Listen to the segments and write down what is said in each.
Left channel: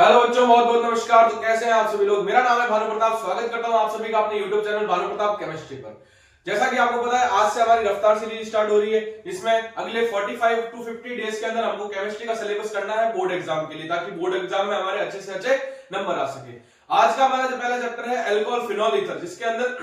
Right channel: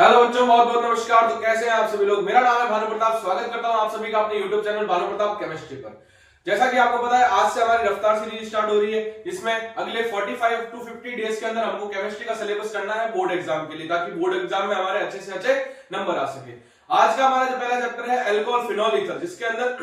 Hello बच्चों, बहुत बहुत नमस्कार। तो कैसे हैं आप सभी लोग। मेरा नाम है भानु प्रताप। स्वागत करता हूं आप सभी का अपने YouTube channel Bhanu Pratap chemistry पर। जैसा कि आपको पता है, आज से हमारी रफ्तार सीरीज स्टार्ट हो रही है, जिसमें अगले 45 टू 50 डेज के अंदर हमको केमिस्ट्री का सिलेबस करना है बोर्ड एग्जाम के लिए, ताकि बोर्ड एग्जाम में हमारे अच्छे से अच्छे नंबर आ सके। आज का हमारा जो पहला चैप्टर है अल्कोहल फिनॉल ईथर, जिसके अंदर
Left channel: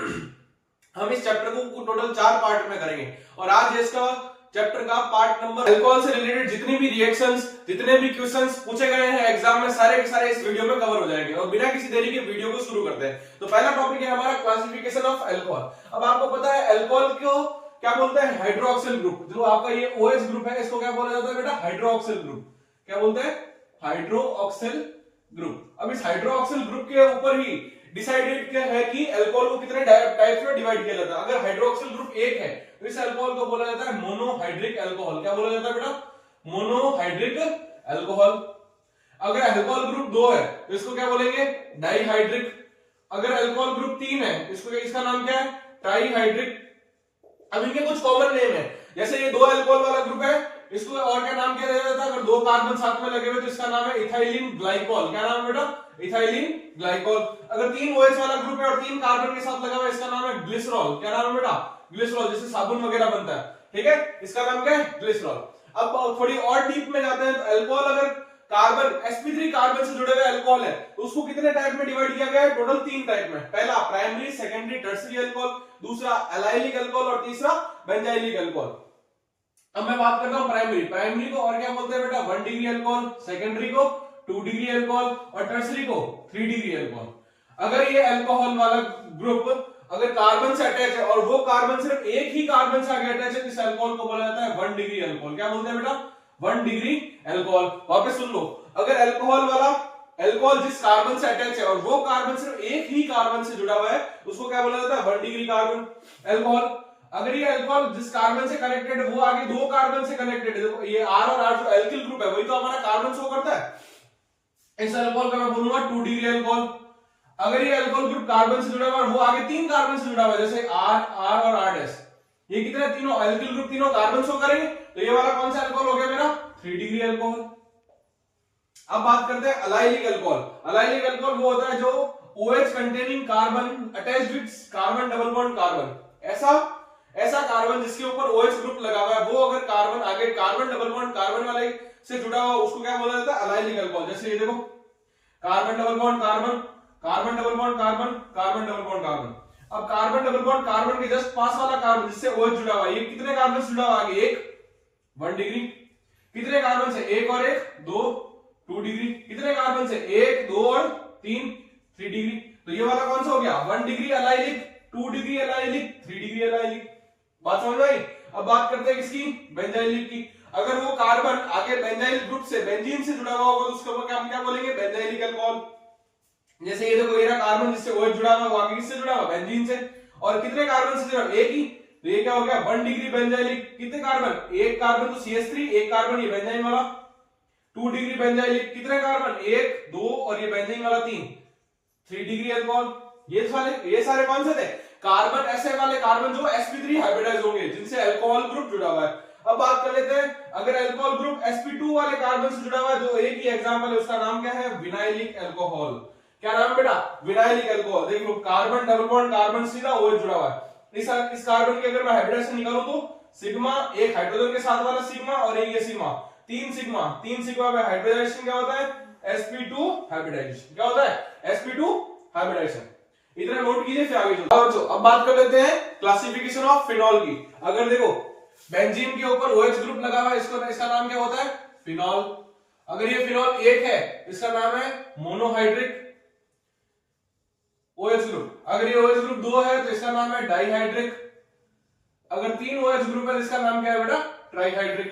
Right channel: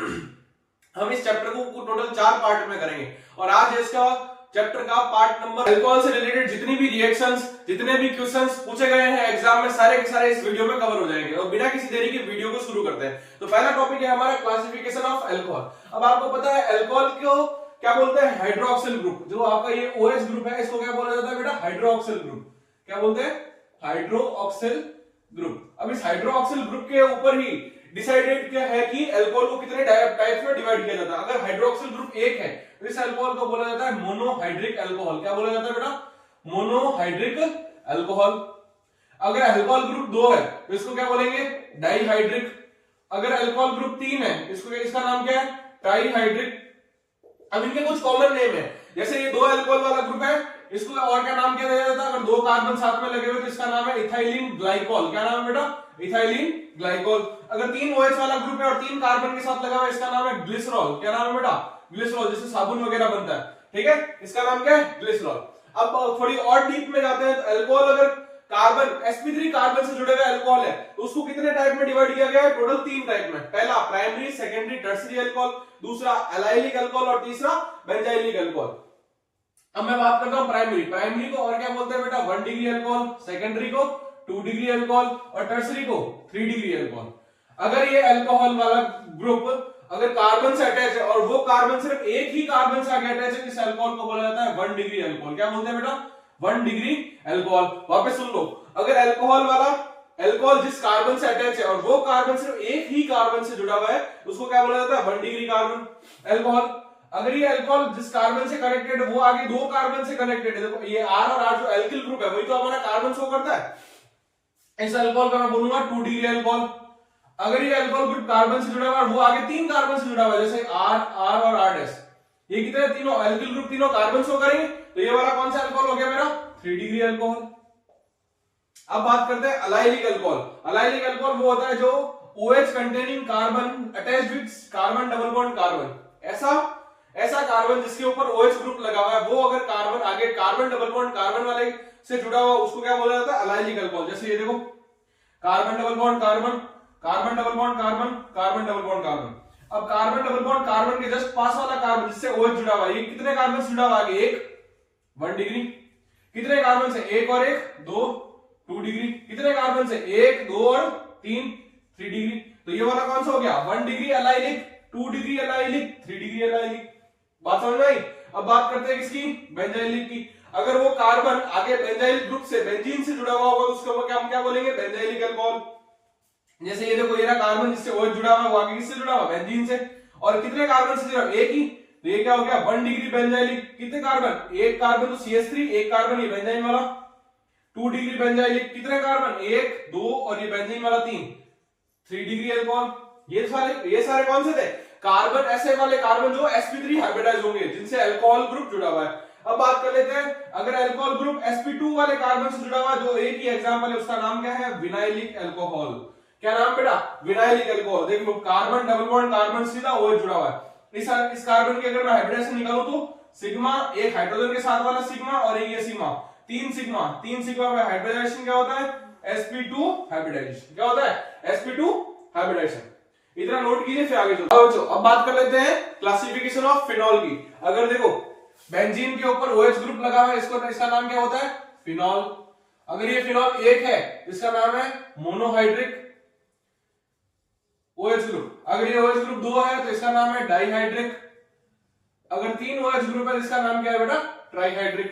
हम इस चैप्टर को टोटल 4 पार्ट में करेंगे। और आज इसका चैप्टर का पार्ट नंबर अल्कोहल से रिलेटेड जितनी भी रिएक्शंस, जितने भी क्वेश्चंस पूछे गए हैं एग्जाम में, सारे के सारे इस वीडियो में कवर हो जाएंगे। और बिना किसी देरी के वीडियो को शुरू करते हैं। तो पहला टॉपिक है हमारा क्लासिफिकेशन ऑफ अल्कोहल। अब आपको पता है अल्कोहल को क्या बोलते हैं, हाइड्रोक्सिल ग्रुप। जो आपका ये OH ग्रुप है, इसको क्या बोला जाता है बेटा, हाइड्रोक्सिल ग्रुप। क्या बोलते हैं, हाइड्रोक्सिल ग्रुप। अब इस हाइड्रोक्सिल ग्रुप के ऊपर ही डिसाइडेड क्या है कि अल्कोहल को कितने टाइप्स में डिवाइड किया जाता है। अगर हाइड्रोक्सिल ग्रुप 1 है तो इस अल्कोहल को बोला जाता है मोनोहाइड्रिक अल्कोहल। क्या बोला जाता है बेटा, मोनोहाइड्रिक अल्कोहल। अगर अल्कोहल ग्रुप 2 है तो इसको क्या बोलेंगे, डाइहाइड्रिक। अगर अल्कोहल ग्रुप 3 है इसको, इसका नाम क्या है, ट्राइहाइड्रिक। अब इनके कुछ कॉमन नेम है, जैसे ये 2 अल्कोहल वाला ग्रुप है, इसको और क्या नाम किया जाता है। अगर 2 कार्बन साथ में लगे हुए तो इसका नाम है इथाइलिन ग्लाइकोल। क्या नाम है बेटा, इथाइलिन ग्लाइकोल। अगर 3 OH वाला ग्रुप है और 3 कार्बन के साथ लगा हुआ है, इसका नाम है ग्लिसरॉल। क्या नाम है बेटा, ग्लिसरॉल। जैसे साबुन वगैरह बनता है, ठीक है, इसका नाम क्या है, ग्लिसरॉल। अब थोड़ी और डीप में जाते हैं तो अल्कोहल अगर कार्बन sp3 कार्बन से जुड़े हुए अल्कोहल है तो उसको कितने टाइप में डिवाइड किया गया है, टोटल 3 टाइप में। पहला प्राइमरी, सेकेंडरी, टर्सरी अल्कोहल, दूसरा एलाइलिक अल्कोहल और तीसरा बेंजाइलिक अल्कोहल। अब मैं बात करता हूं प्राइमरी को और क्या बोलते हैं बेटा, 1 डिग्री अल्कोहल, सेकेंडरी को 2 डिग्री अल्कोहल और टर्सरी को 3 डिग्री अल्कोहल। अगर ये अल्कोहल वाला ग्रुप अगर कार्बन से अटैच है और वो कार्बन सिर्फ एक ही कार्बन से आगे अटैच है, इस अल्कोहल को बोला जाता है 1 डिग्री अल्कोहल। क्या बोलते हैं बेटा, 1 डिग्री अल्कोहल। वापस सुन लो, अगर अल्कोहल वाला अल्कोहल जिस कार्बन से अटैच है और वो कार्बन सिर्फ एक ही कार्बन से जुड़ा हुआ है, उसको क्या बोला जाता है, 1 डिग्री कार्बन अल्कोहल। अगर ये अल्कोहल जिस कार्बन से कनेक्टेड है वो आगे 2 कार्बन से कनेक्टेड है, देखो ये R और R जो एल्किल ग्रुप है वही तो हमारा कार्बन शो करता है, इस अल्कोहल का मैं बोलूंगा 2 डिग्री अल्कोहल। अगर ये अल्कोहल ग्रुप कार्बन से जुड़ा हुआ है और वो आगे 3 कार्बन से जुड़ा हुआ है, जैसे R और R डैश, ये कितने, तीनों अल्किल ग्रुप तीनों कार्बन शो करेंगे, तो ये वाला कौन सा अल्कोहल हो गया मेरा, 3 डिग्री अल्कोहल। अब बात करते हैं अलाइलिक अल्कोहल। अलाइलिक अल्कोहल वो होता है जो OH containing carbon attached with carbon double bond carbon, ऐसा कार्बन जिसके ऊपर OH ग्रुप लगा हुआ है, वो अगर कार्बन आगे कार्बन डबल बॉन्ड कार्बन वाले से जुड़ा हुआ, उसको क्या बोला जाता है, अलाइलिक अल्कोहल। जैसे ये देखो, carbon double bond carbon, carbon double bond carbon, carbon double bond carbon. अब कार्बन डबल बॉन्ड कार्बन के जस्ट पास वाला कार्बन जिससे OH जुड़ा हुआ है, ये कितने कार्बन से जुड़ा हुआ है, आगे 1 डिग्री। कितने कार्बन से, 1 और 1 2 2 डिग्री। कितने कार्बन से, 1 2 और 3 3 डिग्री। तो ये वाला कौन सा हो गया, 1 degree allylic, 2 degree allylic, 3 degree allylic. बात समझ आई। अब बात करते हैं किसकी, बेंजाइलिक की। अगर वो कार्बन आगे बेंजाइल ग्रुप से, बेंजीन से जुड़ा हुआ होगा तो उसको हम क्या बोलेंगे, बेंजाइलिक अल्कोहल। जैसे ये देखो, ये रहा कार्बन जिससे OH जुड़ा हुआ है, वो आगे किससे जुड़ा हुआ, बेंजीन से। और कितने कार्बन से जुड़ा, एक ही, तो ये क्या हो गया, 1 डिग्री बेंजाइलिक। कितने कार्बन, एक कार्बन तो CH3, एक कार्बन ये बेंजाइन वाला, 2 डिग्री बेंजाइलिक। कितने कार्बन, 1 2 और ये बेंजीन वाला 3 डिग्री अल्कोहल। ये सारे कौन से थे, कार्बन, ऐसे वाले कार्बन जो sp3 हाइब्रिडाइज होंगे, जिनसे अल्कोहल ग्रुप जुड़ा हुआ है। अब बात कर लेते हैं, अगर अल्कोहल ग्रुप sp2 वाले कार्बन से जुड़ा हुआ है, जो एक ही एग्जांपल है, उसका नाम क्या है, विनाइलिक अल्कोहल। क्या नाम बेटा, विनाइलिक अल्कोहल। देख लो, कार्बन डबल बॉन्ड कार्बन से ना OH जुड़ा हुआ है। इस कार्बन की अगर मैं हाइब्रिडाइजेशन निकालूं तो सिग्मा, एक हाइड्रोजन के साथ वाला सिग्मा और एक ये सिग्मा, 3 सिग्मा में हाइब्रिडाइजेशन क्या होता है, sp2 हाइब्रिडाइजेशन। क्या होता है, sp2 हाइब्रिडाइजेशन। इतना नोट कीजिए, फिर आगे चलो। अब बात कर लेते हैं क्लासिफिकेशन ऑफ फिनॉल की। अगर देखो, बेंजीन के ऊपर OH ग्रुप लगा हुआ है, इसका नाम क्या होता है, फिनॉल। अगर ये फिनॉल 1 है, इसका नाम है मोनोहाइड्रिक OH ग्रुप। अगर ये OH ग्रुप 2 है तो इसका नाम है डाइहाइड्रिक। अगर 3 OH ग्रुप है, इसका नाम क्या है बेटा, ट्राइहाइड्रिक।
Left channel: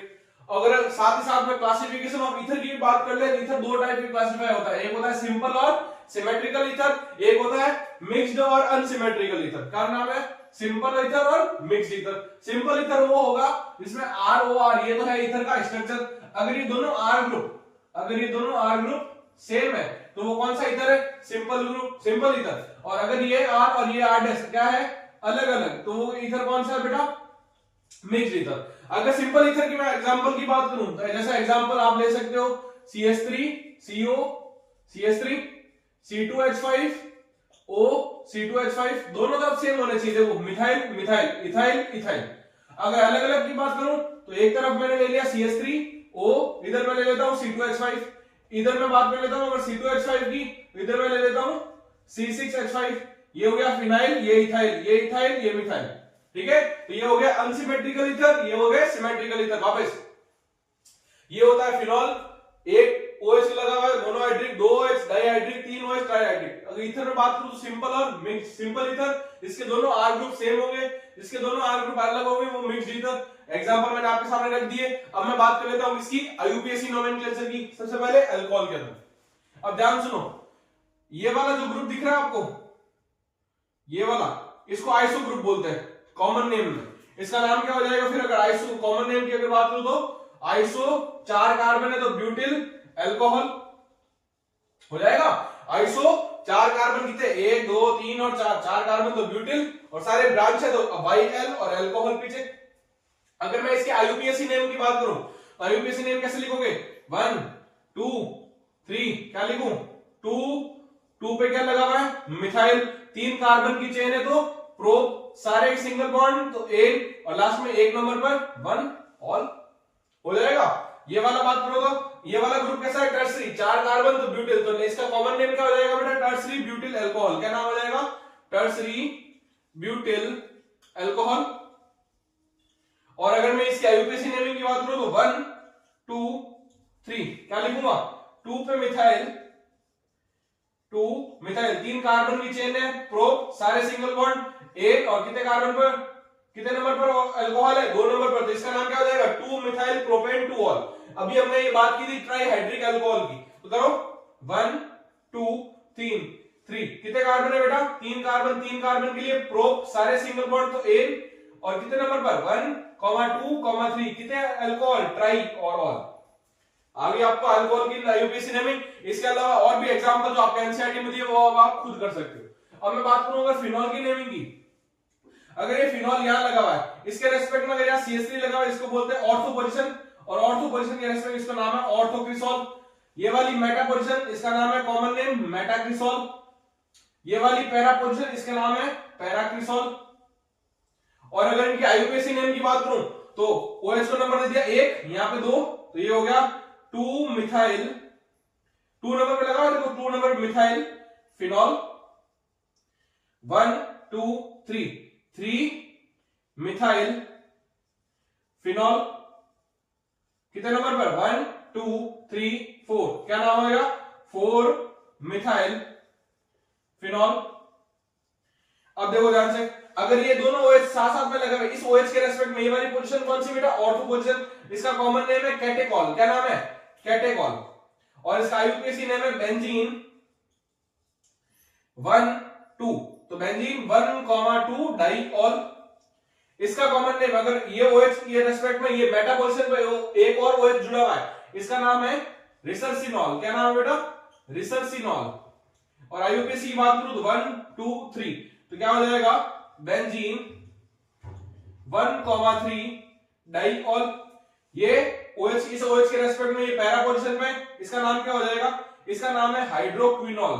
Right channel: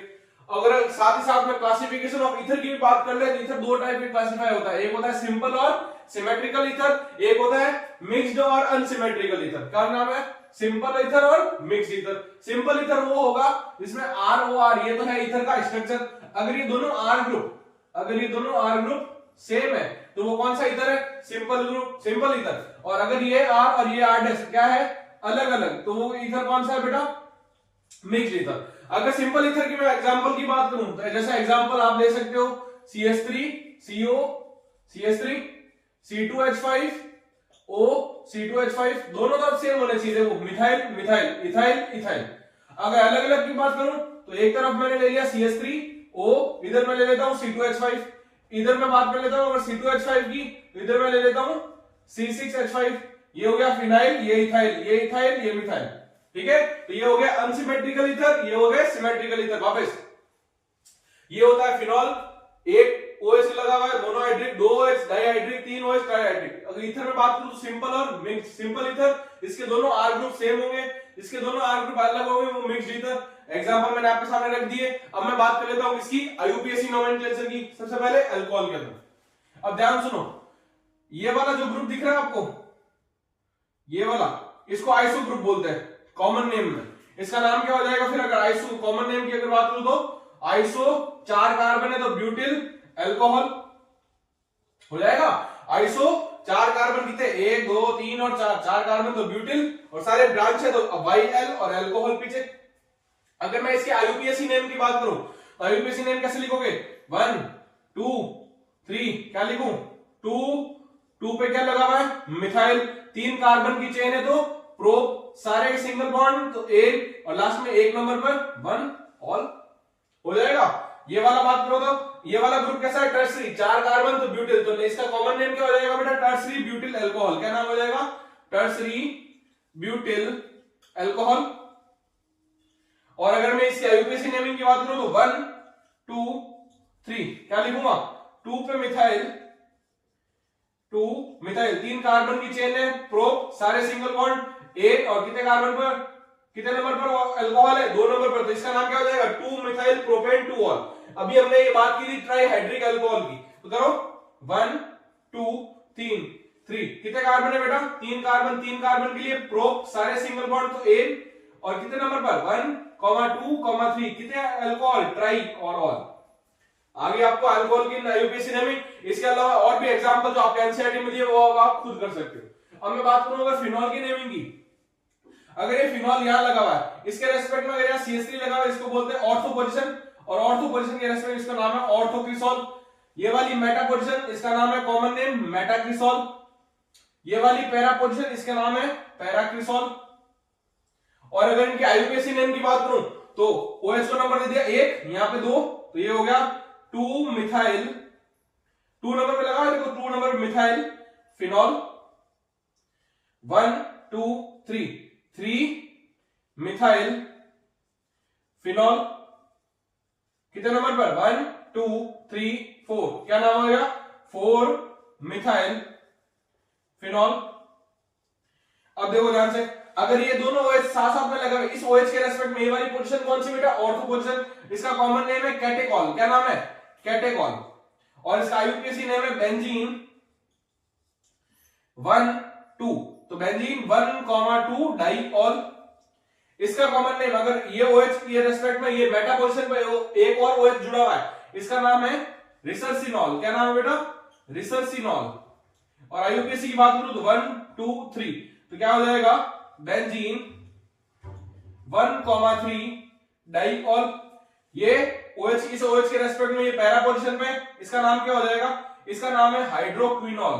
अगर साथ ही साथ में क्लासिफिकेशन ऑफ ईथर की भी बात कर ले, ईथर 2 टाइप के क्लासिफाई होता है, एक होता है सिंपल और सिमेट्रिकल ईथर, एक होता है मिक्स्ड और अनसिमेट्रिकल ईथर। क्या नाम है, सिंपल ईथर और मिक्स्ड ईथर। सिंपल ईथर वो होगा जिसमें ROR, ये तो है ईथर का स्ट्रक्चर। अगर ये दोनों R ग्रुप सेम है तो वो कौन सा ईथर है, सिंपल ग्रुप, सिंपल ईथर। और अगर ये R और ये R डैश क्या है, अलग अलग, तो वो ईथर कौन सा है बेटा, मिक्स्ड ईथर। अगर सिंपल ईथर की मैं एग्जांपल की बात करूं तो जैसा एग्जांपल आप ले सकते हो CH3CO CH3 C2H5 O C2H5 दोनों तरफ सेम होने चाहिए। देखो मिथाइल मिथाइल इथाइल इथाइल। अगर अलग अलग की बात करूं तो एक तरफ मैंने ले लिया CH3 O, इधर मैं ले लेता हूं C2H5, इधर मैं बात कर लेता हूं अगर C2H5 की, इधर मैं ले लेता हूं C6H5। ये हो गया फिनाइल, ये इथाइल, ये इथाइल, ये मिथाइल। ठीक है, तो ये हो गया अनसिमेट्रिकल ईथर, ये हो गया सिमेट्रिकल ईथर। वापस ये होता है फिनॉल, एक OH लगा हुआ है, monohydric, 2 OH dihydric, 3 OH trihydric. अगर ईथर में बात करूं तो सिंपल और मिक्स। सिंपल ईथर, इसके दोनों R ग्रुप सेम होंगे, इसके दोनों R ग्रुप अलग होंगे, वो मिक्स्ड ईथर। एग्जांपल मैंने आपके सामने रख दिए। अब मैं बात कर लेता हूं इसकी IUPAC नोमेनक्लेचर की। सबसे पहले अल्कोहल के अंदर, अब ध्यान सुनो, ये वाला जो ग्रुप दिख रहा है आपको, ये वाला, इसको आइसो ग्रुप बोलते हैं कॉमन नेम में। इसका नाम क्या हो जाएगा फिर? अगर आइसो कॉमन नेम की अगर बात करूं तो आइसो, 4 कार्बन है तो ब्यूटिल अल्कोहल हो जाएगा। आइसो 4 कार्बन कितने? 1 2 3 और 4, 4 कार्बन तो ब्यूटिल, और सारे ब्रांच है तो YL और अल्कोहल पीछे। अगर मैं इसके IUPAC नेम की बात करूं तो IUPAC नेम कैसे लिखोगे? 1 2 3, क्या लिखूं? 2 पे क्या लगा हुआ है? मिथाइल, 3 कार्बन की चेन है तो प्रोप, सारे सिंगल बॉन्ड तो एक, और लास्ट में 1 नंबर पर 1 ऑल हो जाएगा। ये वाला बात करो तो ये वाला ग्रुप कैसा है? टर्सरी, 4 कार्बन तो ब्यूटिल, तो इसका कॉमन नेम क्या हो जाएगा बेटा? Tertiary butyl alcohol. क्या नाम हो जाएगा? Tertiary butyl alcohol. और अगर मैं इसकी IUPAC नेमिंग की बात करूं तो 1 2 3, क्या लिखूंगा? 2 पे मिथाइल, 2 मिथाइल, 3 कार्बन की चेन है, प्रोप, सारे सिंगल बॉन्ड, 1, और कितने कार्बन पर, कितने नंबर पर अल्कोहल है? 2 नंबर पर, तो इसका नाम क्या हो जाएगा? 2 मिथाइल प्रोपेन 2 ऑल। अभी हमने ये बात की थी ट्राइहाइड्रिक अल्कोहल की, तो करो 1 2 3 3, कितने कार्बन है बेटा? 3 कार्बन, 3 कार्बन के लिए प्रोप, सारे सिंगल बॉन्ड तो 1, और कितने नंबर पर? 1 2 3, कितने अल्कोहल? ट्राई और ऑल। आगे आपको अल्कोहल की IUPAC नेमिंग, इसके अलावा और भी एग्जांपल जो आपके एनसीईआरटी में दिए वो आप खुद कर सकते हो। अब मैं बात करूंगा फिनॉल की नेमिंग की। अगर ये फिनॉल यहां लगा हुआ है, इसके रेस्पेक्ट में अगर यहाँ CH3 लगा हुआ है, इसको बोलते हैं ऑर्थो पोजीशन, और ऑर्थो पोजीशन के रेस्पेक्ट में इसका नाम है ऑर्थोक्रिसॉल। ये वाली मेटा पोजीशन, इसका नाम है कॉमन नेम मेटाक्रिसॉल। ये वाली पैरा पोजीशन, इसका नाम है पैराक्रिसॉल। और अगर इनकी IUPAC नेम की बात करूं तो OH को नंबर दे दिया 1, यहां पे 2, तो ये हो गया 2 मिथाइल, 2 नंबर पे लगा है देखो, 2 number methyl phenol, 1 2 3 3 methyl phenol, कितने नंबर पर? 1 2 3 4, क्या नाम हो गया? 4 मिथाइल फिनॉल। अब देखो ध्यान से, अगर ये दोनों OH साथ साथ में लगे हुए, इस OH के रेस्पेक्ट में ये वाली पोजीशन कौन सी बेटा? Ortho position. इसका कॉमन नेम है कैटेकॉल। क्या नाम है? कैटेकॉल। और इसका IUPAC नेम है बेंजीन 1 2, तो बेंजीन 1 2 डाइऑल। इसका कॉमन नेम, अगर ये OH के रेस्पेक्ट में ये मेटा पोजीशन पे एक और OH जुड़ा हुआ है, इसका नाम है रिसर्सिनॉल। क्या नाम है बेटा? रिसर्सिनॉल। और IUPAC की बात करूं तो 1 2 3, तो क्या हो जाएगा? Benzene 1 3 diol. ये OH, इस OH के रेस्पेक्ट में ये पैरा पोजीशन पे, इसका नाम क्या हो जाएगा? इसका नाम है हाइड्रोक्विनॉल।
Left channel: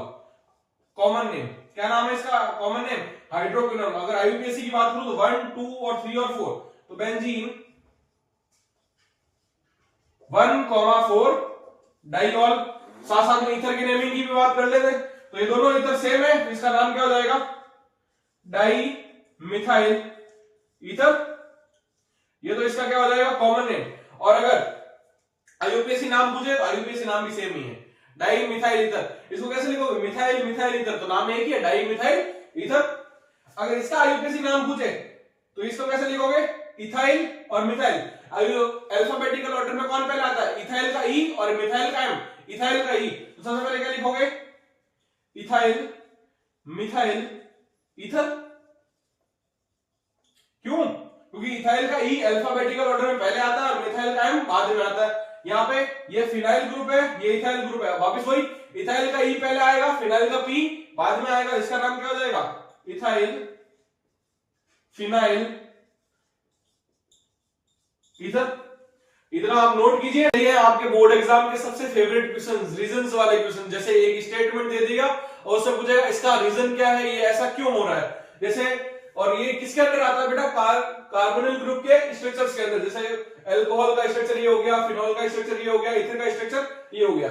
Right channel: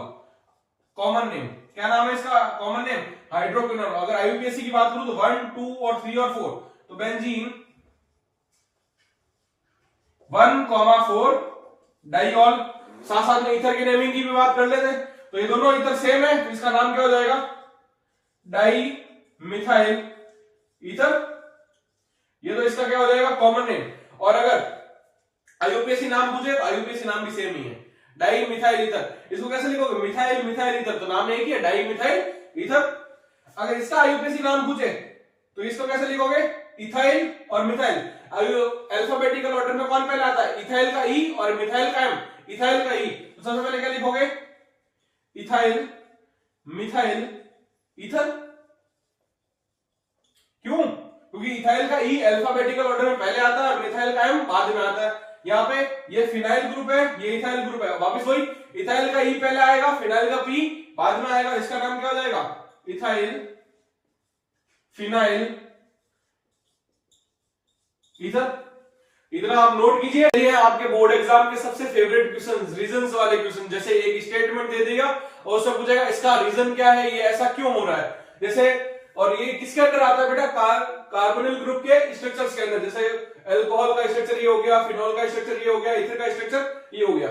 कॉमन नेम, क्या नाम है इसका कॉमन नेम? हाइड्रोक्विनॉल। अगर IUPAC की बात करूं तो 1 2 और 3 और 4, तो बेंजीन 1 4 डाइऑल। साथ साथ में ईथर की नेमिंग की भी बात कर लेते हैं, तो ये दोनों ईथर सेम है, तो इसका नाम क्या हो जाएगा? Di methyl ether. ये तो इसका क्या हो जाएगा? Common name. और अगर IUPAC नाम पूछे तो IUPAC नाम भी सेम ही है, डाई मिथाइल ईथर। इसको कैसे लिखोगे? मिथाइल मिथाइल ईथर, तो नाम एक ही है, डाई मिथाइल ईथर। अगर इसका IUPAC नाम पूछे तो इसको कैसे लिखोगे? इथाइल और मिथाइल। अल्फाबेटिकल ऑर्डर में कौन पहले आता है? इथाइल का ई और मिथाइल का एम। इथाइल का ई, तो सबसे पहले क्या लिखोगे? Ethyl methyl ether. क्यों? क्योंकि इथाइल का ई अल्फाबेटिकल ऑर्डर में पहले आता है और मिथाइल का एम बाद में आता है। यहाँ पे ये फिनाइल ग्रुप है, ये इथाइल ग्रुप है। वापस वही, इथाइल का ई पहले आएगा, फिनाइल का पी बाद में आएगा। इसका नाम क्या हो जाएगा? Ethyl phenyl ether. इतना आप नोट कीजिए। ये आपके बोर्ड एग्जाम के सबसे फेवरेट क्वेश्चन, रीजंस वाले क्वेश्चन। जैसे एक स्टेटमेंट दे देगा और उससे पूछेगा इसका रीजन क्या है, ये ऐसा क्यों हो रहा है। जैसे और ये किसके अंदर आता है बेटा, कार्बोनिल ग्रुप के स्ट्रक्चर्स के अंदर। जैसे अल्कोहल का स्ट्रक्चर ये हो गया, फिनॉल का स्ट्रक्चर ये हो गया, इथर का स्ट्रक्चर ये हो गया।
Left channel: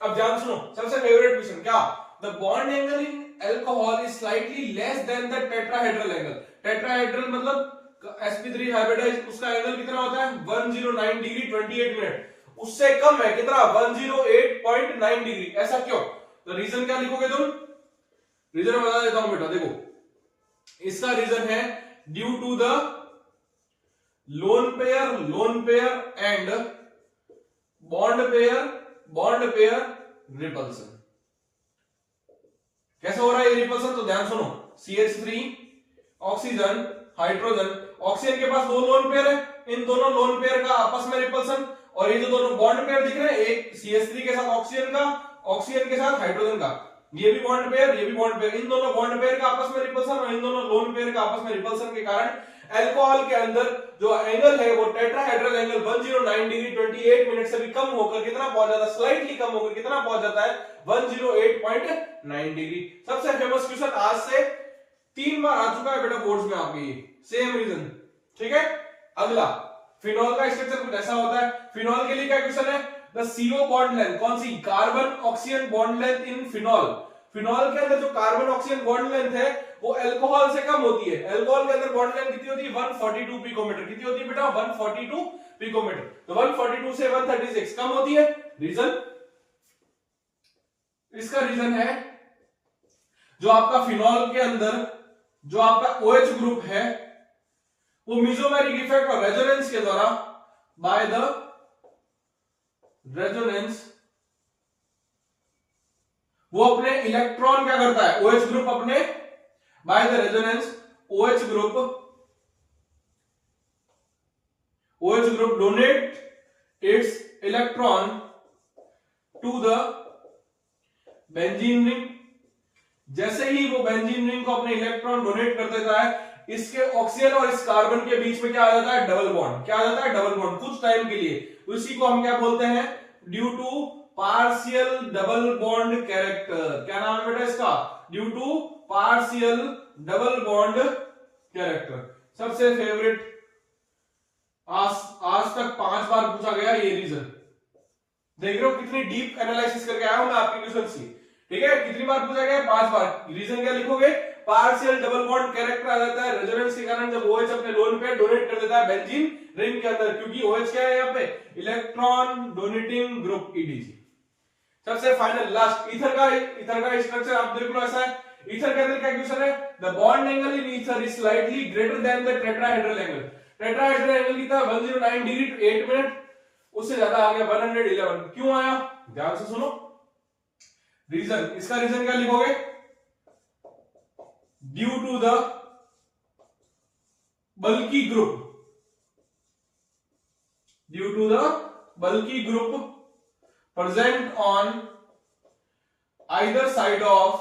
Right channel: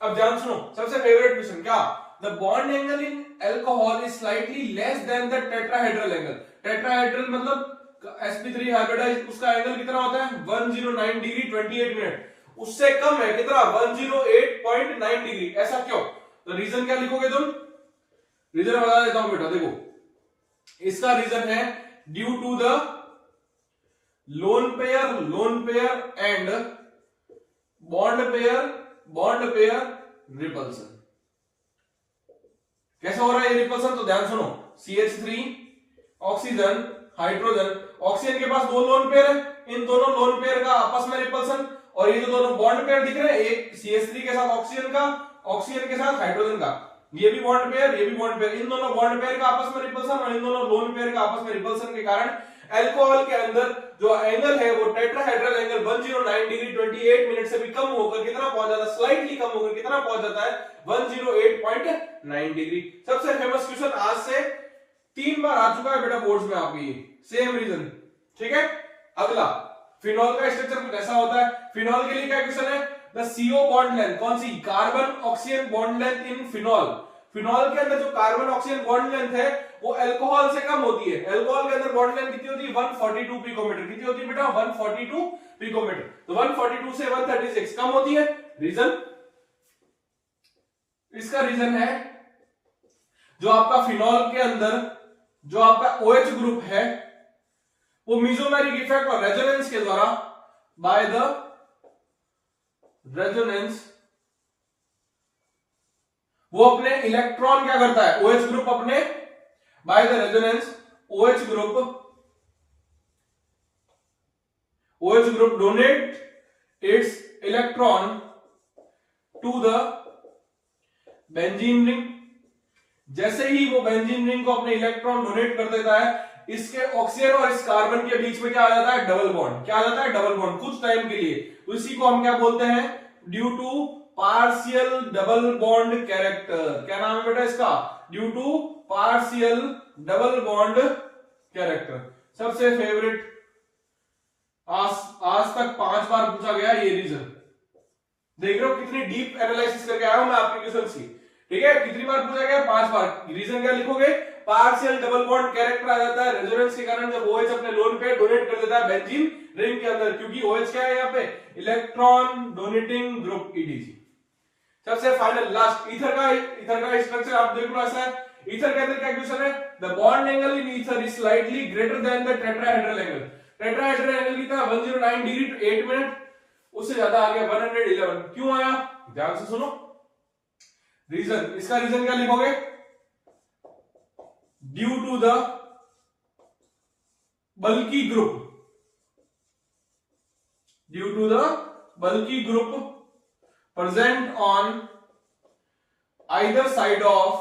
अब ध्यान सुनो, सबसे फेवरेट क्वेश्चन क्या, the bond angle in alcohol is slightly less than the tetrahedral angle. Tetrahedral मतलब sp3 हाइब्रिडाइज, उसका एंगल कितना होता है 109 डिग्री 28 मिनट। उससे कम है कितना 108.9 डिग्री। ऐसा क्यों, तो रीजन क्या लिखोगे तुम, रीजन बता देता हूं बेटा। देखो इसका रीजन है due to the lone pair and bond pair repulsion. कैसे हो रहा है ये रिपल्सन, तो ध्यान सुनो। CH3 ऑक्सीजन हाइड्रोजन, ऑक्सीजन के पास दो लोन पेयर है, इन दोनों लोन पेयर का आपस में रिपल्सन, और ये जो दोनों बॉन्ड पेयर दिख रहे हैं, एक CH3 के साथ ऑक्सीजन का, ऑक्सीजन के साथ हाइड्रोजन का, ये भी बॉन्ड पेयर, ये भी बॉन्ड पेयर, इन दोनों बॉन्ड पेयर का आपस में रिपल्सन और इन दोनों लोन पेयर का आपस में रिपल्सन के कारण अल्कोहल के अंदर जो एंगल है वो टेट्राहेड्रल एंगल 109 डिग्री 28 मिनट से भी कम होकर कितना पहुंच जाता है, स्लाइटली कम होकर कितना पहुंच जाता है 108.9 डिग्री। सबसे फेमस क्वेश्चन आज से 3 बार आ चुका है बेटा बोर्ड्स में आपके, ये सेम रीजन। ठीक है, अगला फिनॉल का स्ट्रक्चर कुछ ऐसा होता है। फिनॉल के लिए क्या क्वेश्चन है, द CO बॉन्ड लेंथ, कौन सी, carbon oxygen bond length in phenol. Phenol के अंदर जो कार्बन ऑक्सीजन बॉन्ड लेंथ है वो अल्कोहल से कम होती है। अल्कोहल के अंदर बॉन्ड लेंथ कितनी होती है 142 पिकोमीटर। कितनी होती है बेटा 142 पिकोमीटर। तो 142 से 136 कम होती है। रीजन, इसका रीजन है जो आपका फिनॉल के अंदर जो आपका OH ग्रुप है वो मीजोमेरिक इफेक्ट और रेजोनेंस के द्वारा, बाय द रेजोनेंस, वो अपने इलेक्ट्रॉन क्या करता है, OH ग्रुप अपने, by the resonance OH group donate its electron to the benzene ring. जैसे ही वो बेंजीन रिंग को अपने इलेक्ट्रॉन डोनेट कर देता है, इसके ऑक्सीजन और इस कार्बन के बीच में क्या आ जाता है, डबल बॉन्ड। क्या आ जाता है, डबल बॉन्ड, कुछ टाइम के लिए। उसी को हम क्या बोलते हैं, due to partial double bond character. क्या नाम है बेटा इसका, due to partial double bond character. सबसे फेवरेट, आज तक 5 बार पूछा गया ये रीजन। देख रहे हो कितनी डीप एनालिसिस करके आया हूं मैं आपके क्वेश्चन की। ठीक है, कितनी बार पूछा गया, 5 बार। रीजन क्या लिखोगे, पार्शियल डबल बॉन्ड कैरेक्टर आ जाता है रेजोनेंस के कारण, जब OH अपने लोन पे डोनेट कर देता है बेंजीन रिंग के अंदर, क्योंकि OH क्या है यहाँ पे, इलेक्ट्रॉन डोनेटिंग ग्रुप EDG। सबसे फाइनल लास्ट, ईथर का स्ट्रक्चर आप देख लो ऐसा है। ईथर के अंदर क्या क्वेश्चन है, the bond angle in ether is slightly greater than the tetrahedral angle. Tetrahedral angle कितना 109 डिग्री 8 मिनट, उससे ज्यादा आ गया 111। क्यों आया, ध्यान से सुनो रीजन। इसका रीजन क्या लिखोगे, due to the bulky group present on either side of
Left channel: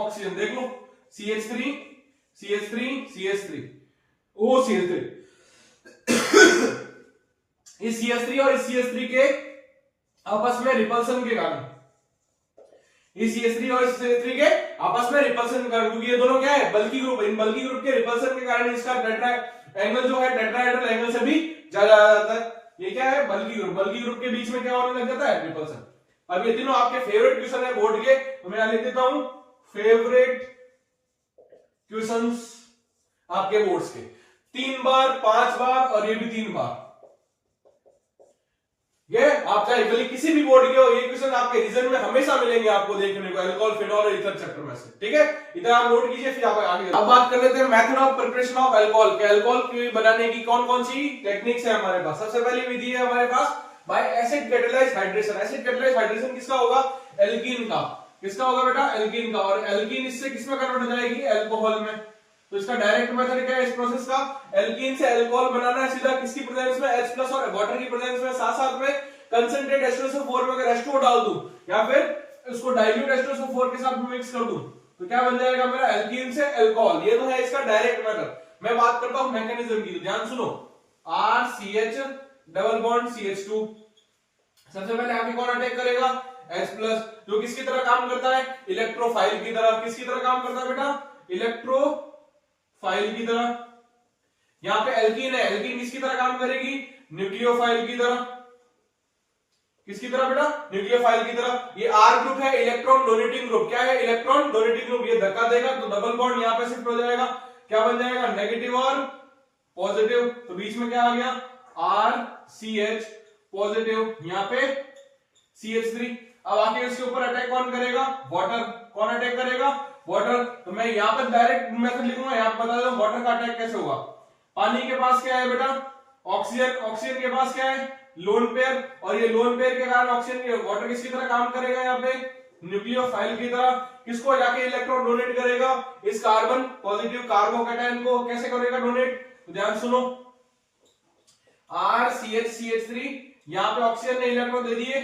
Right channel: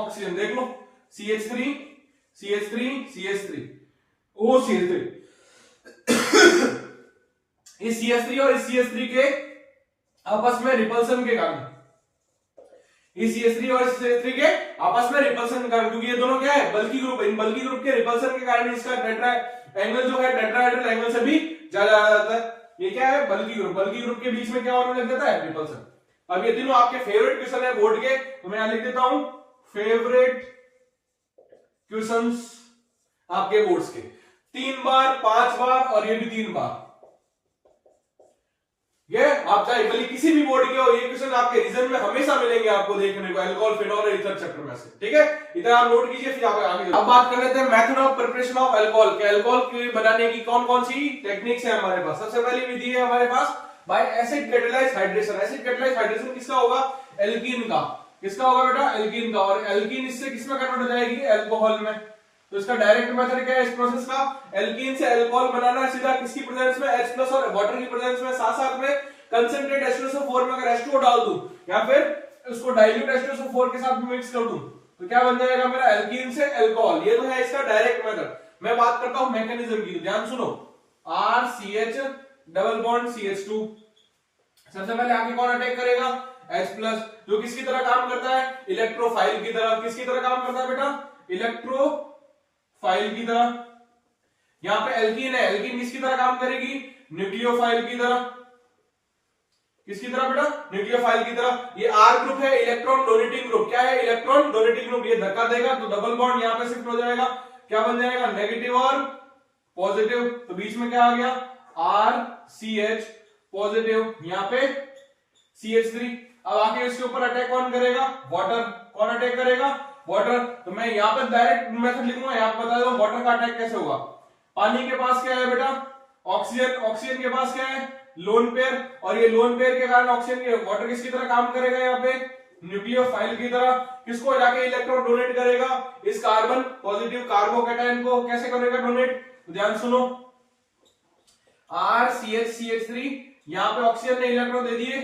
oxygen। देख लो CH3 OCH3 इस CH3 और इस CH3 के आपस में रिपल्सन के कारण, इस CH3 और इस CH3 के आपस में रिपल्सन के कारण, क्योंकि ये दोनों क्या है, बल्की ग्रुप। इन बल्की ग्रुप के रिपल्सन के कारण इसका टेट्रा एंगल जो है टेट्राहेड्रल एंगल से भी ज्यादा आ जाता है। ये क्या है, बल्की ग्रुप के बीच में क्या होने लग जाता है, रिपल्सन। अब ये तीनों आपके फेवरेट क्वेश्चन है बोर्ड के, तो मैं यहां लिख देता हूं फेवरेट क्वेश्चंस आपके बोर्ड्स के। 3 बार, 5 बार और ये भी 3 बार। ये आप चाहे गली किसी भी बोर्ड के हो, ये क्वेश्चन आपके रीजन में हमेशा मिलेंगे आपको देखने को, अल्कोहल, फिनॉल और ईथर चैप्टर में से। ठीक है, इधर आप नोट कीजिए, फिर आप आगे। अब बात कर लेते हैं method of preparation of alcohol के। अल्कोहल बनाने की कौन कौन सी टेक्निक्स है हमारे पास। सबसे पहली विधि है हमारे पास by acid catalyse hydration. Acid catalyse hydration किसका होगा, एल्कीन का। किसका होगा बेटा, एल्कीन का। और एल्कीन इससे किसमें कन्वर्ट हो जाएगी, अल्कोहल में। तो इसका डायरेक्ट मेथड क्या है इस प्रोसेस का, एल्कीन से अल्कोहल बनाना है सीधा, किसकी प्रेजेंस में, H+ और वाटर की प्रेजेंस में। साथ साथ में कंसंट्रेट H2SO4 में अगर H2O डाल दूं या फिर उसको डाइल्यूट H2SO4 के साथ मिक्स कर दूं तो क्या बन जाएगा मेरा, एल्कीन से अल्कोहल। ये तो है इसका डायरेक्ट मेथड। मैं बात करता हूं मैकेनिज्म की, ध्यान सुनो। RCH double bond CH2। सबसे पहले आगे कौन अटैक करेगा? H प्लस, जो किसकी तरह काम करता है? इलेक्ट्रोफाइल की तरह। किसकी तरह काम करता है बेटा? इलेक्ट्रोफाइल की तरह। यहां पे एल्कीन है, एल्कीन किसकी तरह काम करेगी? न्यूक्लियोफाइल की तरह। किसकी तरह बेटा? न्यूक्लियोफाइल की तरह। ये R ग्रुप है, इलेक्ट्रॉन डोनेटिंग ग्रुप। क्या है? Electron donating group. ये धक्का देगा तो डबल बॉन्ड यहां पे शिफ्ट हो जाएगा। क्या बन जाएगा? नेगेटिव और पॉजिटिव। तो बीच में क्या आ गया? RCH पॉजिटिव, यहां पे CH3। अब आके इसके ऊपर अटैक कौन करेगा? वाटर। कौन अटैक करेगा? वाटर। तो मैं यहां पर डायरेक्ट मेथड लिखूंगा, यहां पर बता दूं वाटर का अटैक कैसे होगा। पानी के पास क्या है बेटा? ऑक्सीजन। ऑक्सीजन के पास क्या है? Lone pair. और ये लोन पेयर के कारण ऑक्सीजन के वाटर किसकी तरह काम करेगा? यहाँ पे न्यूक्लियोफाइल की तरह। किसको जाके इलेक्ट्रॉन डोनेट करेगा? इस कार्बन पॉजिटिव कार्बोकैटायन को। कैसे करेगा डोनेट? तो ध्यान सुनो, RCH यहां पे ऑक्सीजन ने इलेक्ट्रॉन दे दिए,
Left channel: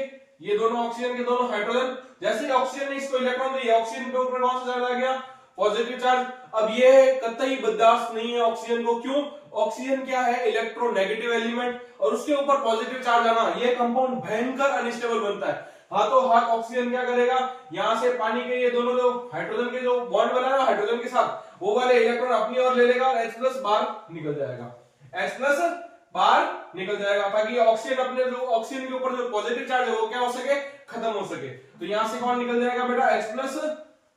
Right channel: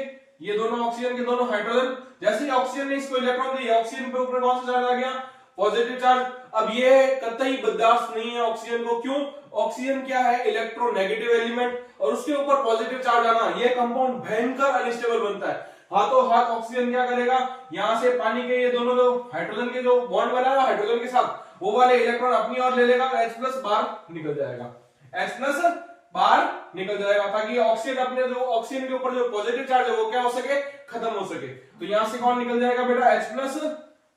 ये दोनों ऑक्सीजन के दोनों हाइड्रोजन। जैसे ही ऑक्सीजन ने इसको इलेक्ट्रॉन दिए, ऑक्सीजन के ऊपर कौन सा चार्ज आ गया? Positive charge. अब ये कतई बर्दाश्त नहीं है ऑक्सीजन को। क्यों? ऑक्सीजन क्या है? इलेक्ट्रोनेगेटिव एलिमेंट, और उसके ऊपर पॉजिटिव चार्ज आना, ये कंपाउंड भयंकर अनस्टेबल बनता है। हाथों हाथ ऑक्सीजन क्या करेगा? यहां से पानी के ये दोनों जो हाइड्रोजन के जो बॉन्ड बना है हाइड्रोजन के साथ, वो वाले इलेक्ट्रॉन अपनी ओर ले लेगा, H प्लस बाहर निकल जाएगा। H प्लस बाहर निकल जाएगा, ताकि ऑक्सीजन अपने जो ऑक्सीजन के ऊपर जो पॉजिटिव चार्ज है वो क्या हो सके? खत्म हो सके। तो यहां से कौन निकल जाएगा बेटा? H प्लस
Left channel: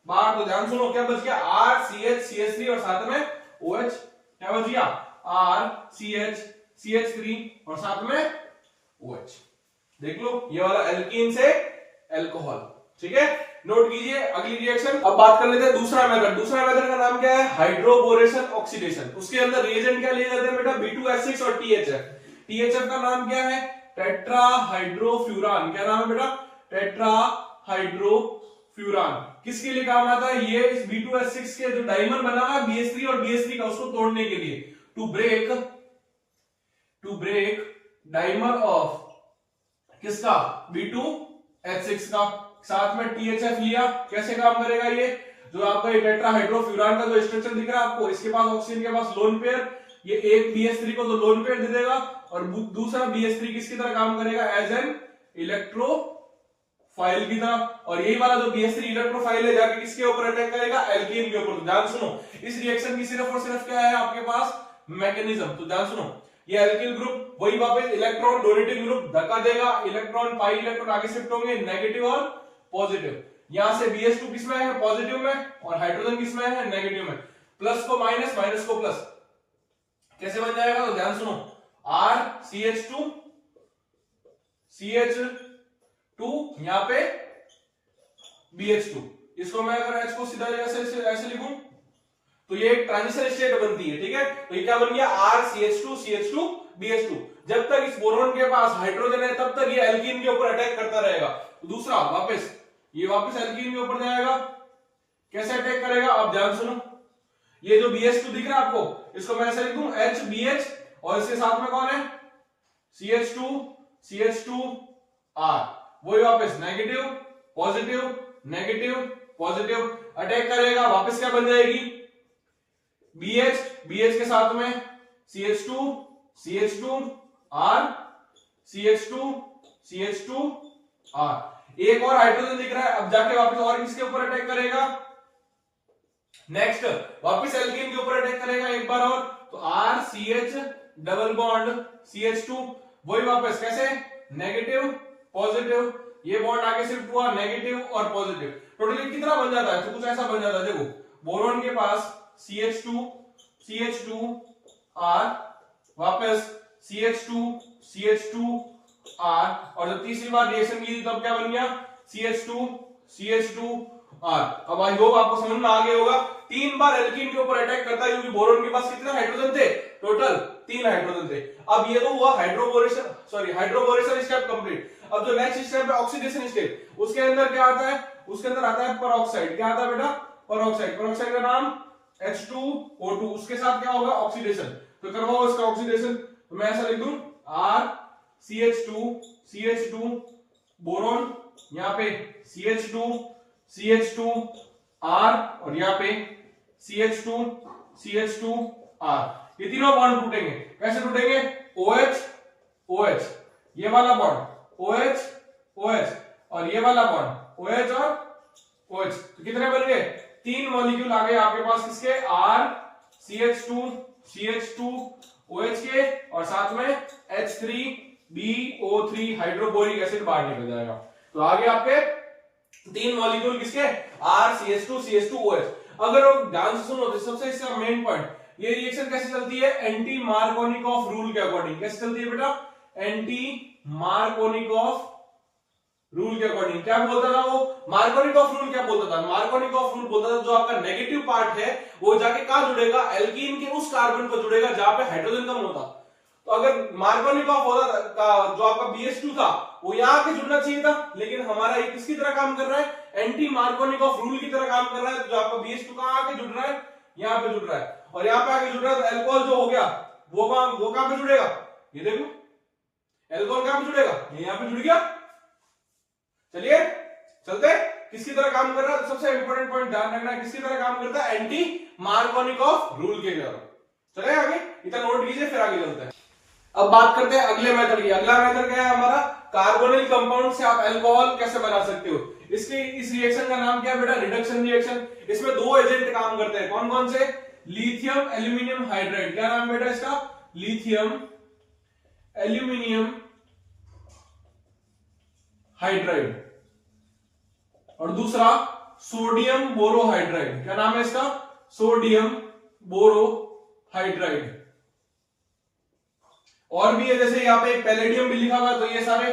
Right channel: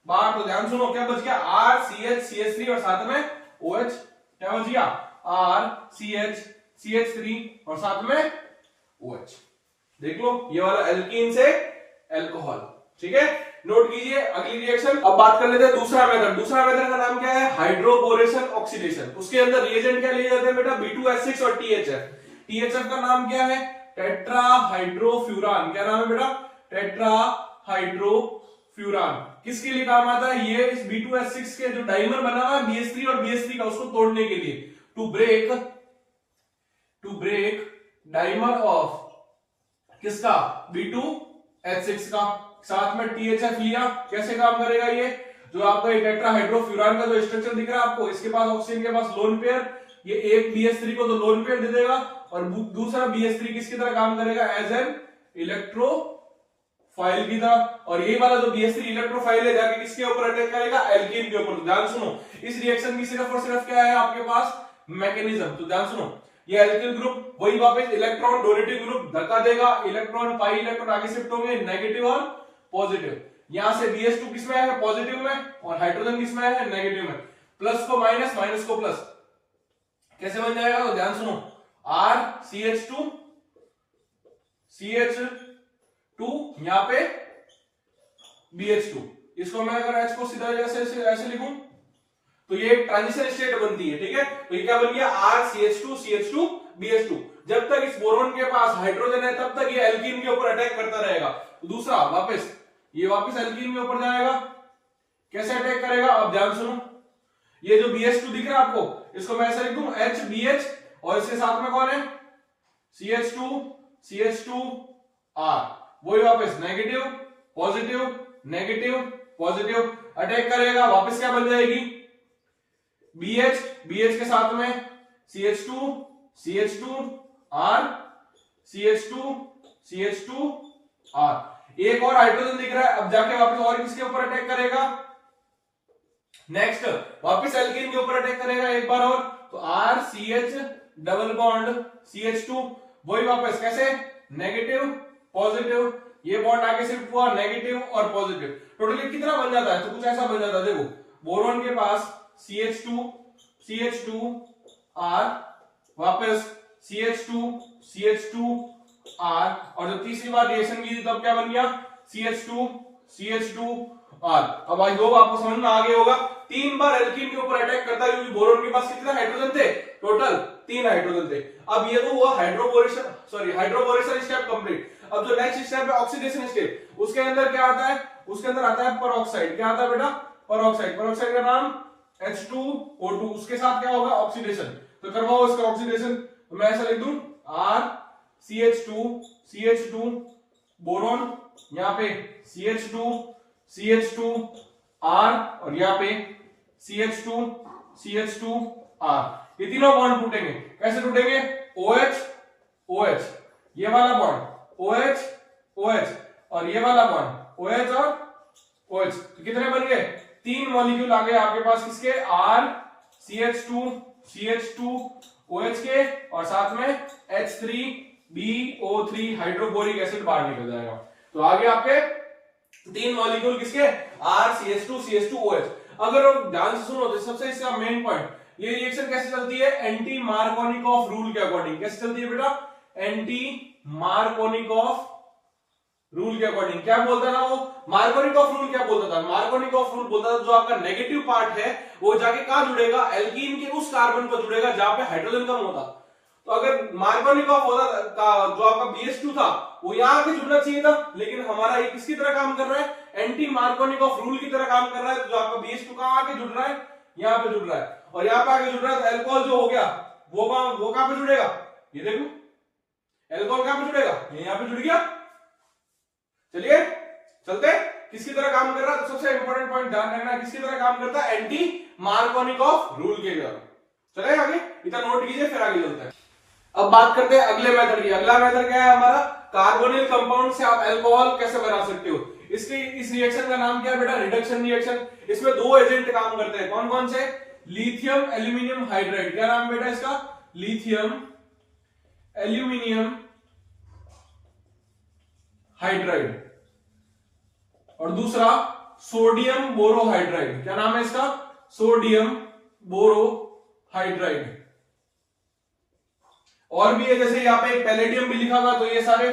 बाहर। तो ध्यान सुनो, क्या बच गया? RCH CH3 और साथ में OH। क्या बच गया? RCH CH3 और साथ में OH। देख लो, ये वाला एल्कीन से एल्कोहल। ठीक है, नोट कीजिए। अगली रिएक्शन अब बात कर लेते हैं दूसरा मेथड। दूसरा मेथड का नाम क्या है? Hydroboration oxidation. उसके अंदर रिएजेंट क्या लिए जाते हैं बेटा? B2H6 और THF। THF का नाम क्या है? टेट्राहाइड्रोफ्यूरान। क्या नाम है बेटा? टेट्राहाइड्रोफ्यूरान। किसके लिए काम आता है? ये इस B2H6 के जो डाइमर बना हुआ है BH3 और BH3 का, उसको तोड़ने के लिए, टू ब्रेक डाइमर ऑफ किसका? B2H6 का। साथ में THF लिया। कैसे काम करेगा ये? जो आपका ये टेट्राहाइड्रोफ्यूरान का जो स्ट्रक्चर दिख रहा है आपको, इसके पास ऑक्सीजन के पास लोन पेयर, ये एक BH3 को तो लोन पेयर दे देगा, और दूसरा BH3 किसकी तरह काम करेगा? एज एन इलेक्ट्रोफाइल की तरह। और यही वाला जो BH3 इलेक्ट्रोफाइल है जाके किसके ऊपर अटैक करेगा? एल्कीन के ऊपर। तो ध्यान सुनो, इस रिएक्शन की सिर्फ और सिर्फ क्या है आपके पास? मैकेनिज्म। तो ध्यान सुनो, ये एल्किल ग्रुप वही वापस इलेक्ट्रॉन डोनेटिंग ग्रुप धक्का देगा, इलेक्ट्रॉन पाई इलेक्ट्रॉन आगे शिफ्ट होंगे, नेगेटिव और पॉजिटिव। यहां से BH2 किसमें है? पॉजिटिव में, और हाइड्रोजन किसमें है? नेगेटिव में। प्लस को माइनस, माइनस को प्लस। कैसे बन जाएगा? तो ध्यान सुनो, RCH2 CH2 यहां पे BH2। इसको मैं अगर H को सीधा ऐसे लिखूं तो ये एक ट्रांजिशन स्टेट बनती है। ठीक है, तो ये क्या बन गया? RCH2 CH2 BH2। जब तक इस बोरोन के पास हाइड्रोजन है तब तक ये एल्कीन के ऊपर अटैक करता रहेगा। दूसरा वापस ये वापस एल्कीन के ऊपर जाएगा। कैसे अटैक करेगा? आप ध्यान सुनो, ये जो BH2 दिख रहा है आपको, इसको मैं ऐसे लिख दूं HBH, और इसके साथ में कौन है? CH2R। वही वापस negative positive negative positive attack करेगा। वापस क्या बन जाएगी? BH के साथ में CH2R CH2R। एक और हाइड्रोजन दिख रहा है, अब जाके वापस और किसके ऊपर अटैक करेगा? नेक्स्ट वापस एल्कीन के ऊपर अटैक करेगा एक बार और। तो RCH डबल बॉन्ड CH2, वही वापस कैसे? नेगेटिव पॉजिटिव, ये बॉन्ड आगे शिफ्ट हुआ, नेगेटिव और पॉजिटिव। टोटली कितना बन जाता है? तो कुछ ऐसा बन जाता है, देखो बोरोन के पास CH2R, वापस CH2R, और जब तीसरी बार रिएक्शन की तब क्या बन गया? CH2R। अब आई होप आपको समझ में आ गया होगा। 3 बार एल्कीन के ऊपर अटैक करता है, क्योंकि बोरोन के पास कितने हाइड्रोजन थे? टोटल 3 हाइड्रोजन थे। अब ये तो हुआ हाइड्रोबोरेशन स्टेप कंप्लीट। अब जो नेक्स्ट स्टेप है ऑक्सीडेशन स्टेप, उसके अंदर क्या आता है? उसके अंदर आता है पेरोक्साइड। क्या आता है बेटा? पेरोक्साइड। पेरोक्साइड का नाम H2O2। उसके साथ क्या होगा? ऑक्सीडेशन। तो करवाओ इसका ऑक्सीडेशन। तो मैं ऐसा लिख दूं RCH2 बोरोन, यहां पे CH2R, और यहां पे CH2R। ये तीनों बॉन्ड टूटेंगे। कैसे टूटेंगे? OH OH, ये वाला बॉन्ड OH OH और ये वाला बॉन्ड OH और OH, तो कितने बन गए? 3 मॉलिक्यूल आ गए आपके पास किसके? R CH2 CH2 OH के और साथ में H3BO3 हाइड्रोक्लोरिक एसिड बाहर निकल जाएगा। तो आगे आपके 3 मॉलिक्यूल किसके? R CH2 CH2 OH। अगर आप ध्यान से सुनो तो सबसे इसका मेन पॉइंट, ये रिएक्शन कैसे चलती है? एंटी मार्कोनिकॉफ रूल के अकॉर्डिंग। कैसे चलती है बेटा? एंटी मार्कोनिकॉफ रूल के अकॉर्डिंग। क्या बोलता था वो? मार्कोनिकॉफ रूल क्या बोलता था? मार्कोनिकॉफ रूल बोलता था जो आपका नेगेटिव पार्ट है वो जाके कहां जुड़ेगा? एल्कीन के उस कार्बन को जुड़ेगा जहां पे हाइड्रोजन कम होता। तो अगर मार्कोनिकॉफ होता जो आपका BH2 था वो यहां के जुड़ना चाहिए था, लेकिन हमारा ये किसकी तरह काम कर रहा है? एंटी मार्कोनिकॉफ रूल की तरह काम कर रहा है। जो आपका BH2 कहां आके जुड़ रहा है? यहां पे जुड़ रहा है, और यहां पे आके जुड़ रहा है। तो अल्कोहल जो हो गया वो कहां पे जुड़ेगा? ये देखो अल्कोहल कहां पे जुड़ेगा? ये यहां पे जुड़ गया। चलिए चलते किसकी तरह काम कर रहा है? तो सबसे इंपॉर्टेंट पॉइंट ध्यान रखना है, किसकी तरह काम करता है? एंटी मार्कोनिकॉफ रूल के तरह। चले आगे, इतना नोट कीजिए फिर आगे चलते हैं। अब बात करते हैं अगले मेथड की। अगला मेथड क्या है हमारा? कार्बोनिल कंपाउंड से आप अल्कोहल कैसे बना सकते हो। इस रिएक्शन का नाम क्या है बेटा? Reduction reaction. इसमें 2 एजेंट काम करते हैं। कौन कौन से? Lithium aluminium hydride. क्या नाम बेटा इसका? Lithium aluminium hydride. और दूसरा सोडियम बोरोहाइड्राइड। क्या नाम है इसका? Sodium borohydride. और भी है, जैसे यहाँ पे एक पैलेडियम भी लिखा हुआ, तो ये सारे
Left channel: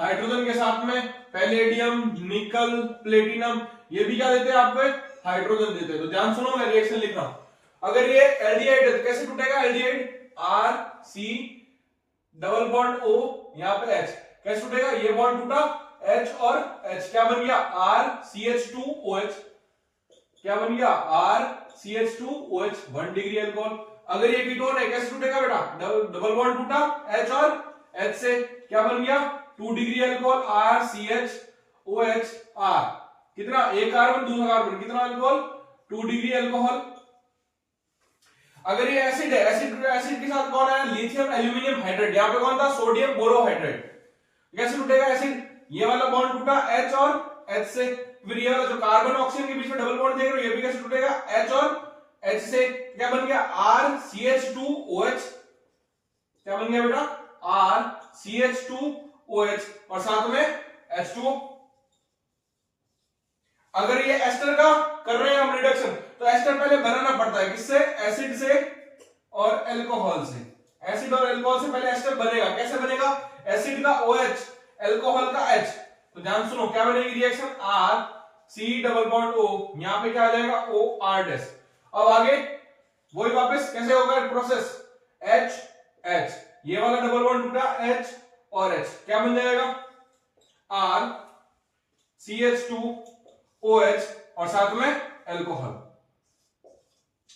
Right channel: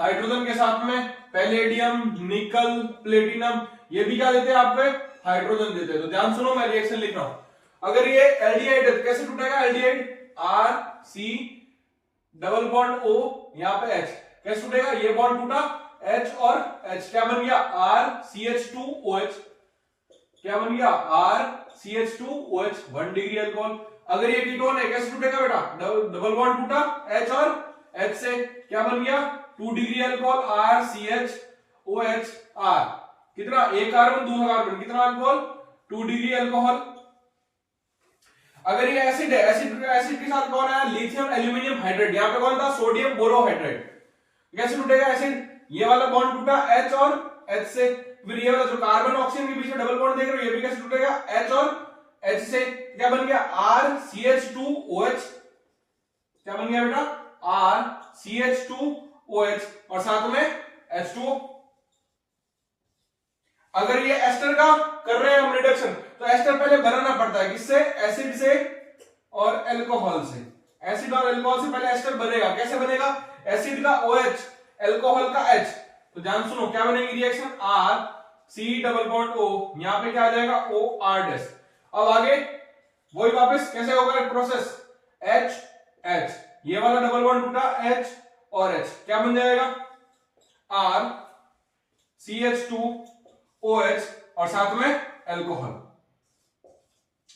हाइड्रोजन के साथ में पैलेडियम, निकल, प्लेटिनम, ये भी क्या देते हैं आपको? हाइड्रोजन देते हैं। तो ध्यान सुनो, मैं रिएक्शन लिख रहा हूं। अगर ये एल्डिहाइड है तो कैसे टूटेगा? Aldehyde RC double bond O, यहां पे H, कैसे टूटेगा? ये बॉन्ड टूटा, H और H, क्या बन गया? RCH2OH। क्या बन गया? RCH2OH, 1 degree alcohol. अगर ये कीटोन है कैसे टूटेगा बेटा? डबल बॉन्ड टूटा H और H से, क्या बन गया? 2 डिग्री अल्कोहल, RCHOHR। कितना? एक कार्बन, दूसरा कार्बन, कितना अल्कोहल? 2 degree alcohol. अगर ये एसिड है, एसिड के साथ कौन है? Lithium aluminium hydride. यहां पे कौन था? Sodium borohydride. कैसे टूटेगा एसिड? ये वाला बॉन्ड टूटा H और H से। फिर ये वाला जो कार्बन ऑक्सीजन के बीच में डबल बॉन्ड देख रहे हो, ये भी कैसे टूटेगा? H और H से। क्या बन गया? RCH2OH। क्या बन गया बेटा? RCH2OH और साथ में H2O। अगर ये एस्टर का कर रहे हैं हम रिडक्शन, तो एस्टर पहले बनाना पड़ता है। किससे? एसिड से और अल्कोहल से। एसिड और अल्कोहल से पहले एस्टर बनेगा। कैसे बनेगा? एसिड का OH, अल्कोहल का H। तो ध्यान सुनो, क्या बनेगी reaction? RC double bond O, यहां पे क्या आ जाएगा? OR'। अब आगे वही वापस कैसे होगा प्रोसेस? H H, ये वाला डबल बॉन्ड टूटा H और H, क्या बन जाएगा? RCH2OH और साथ में अल्कोहल।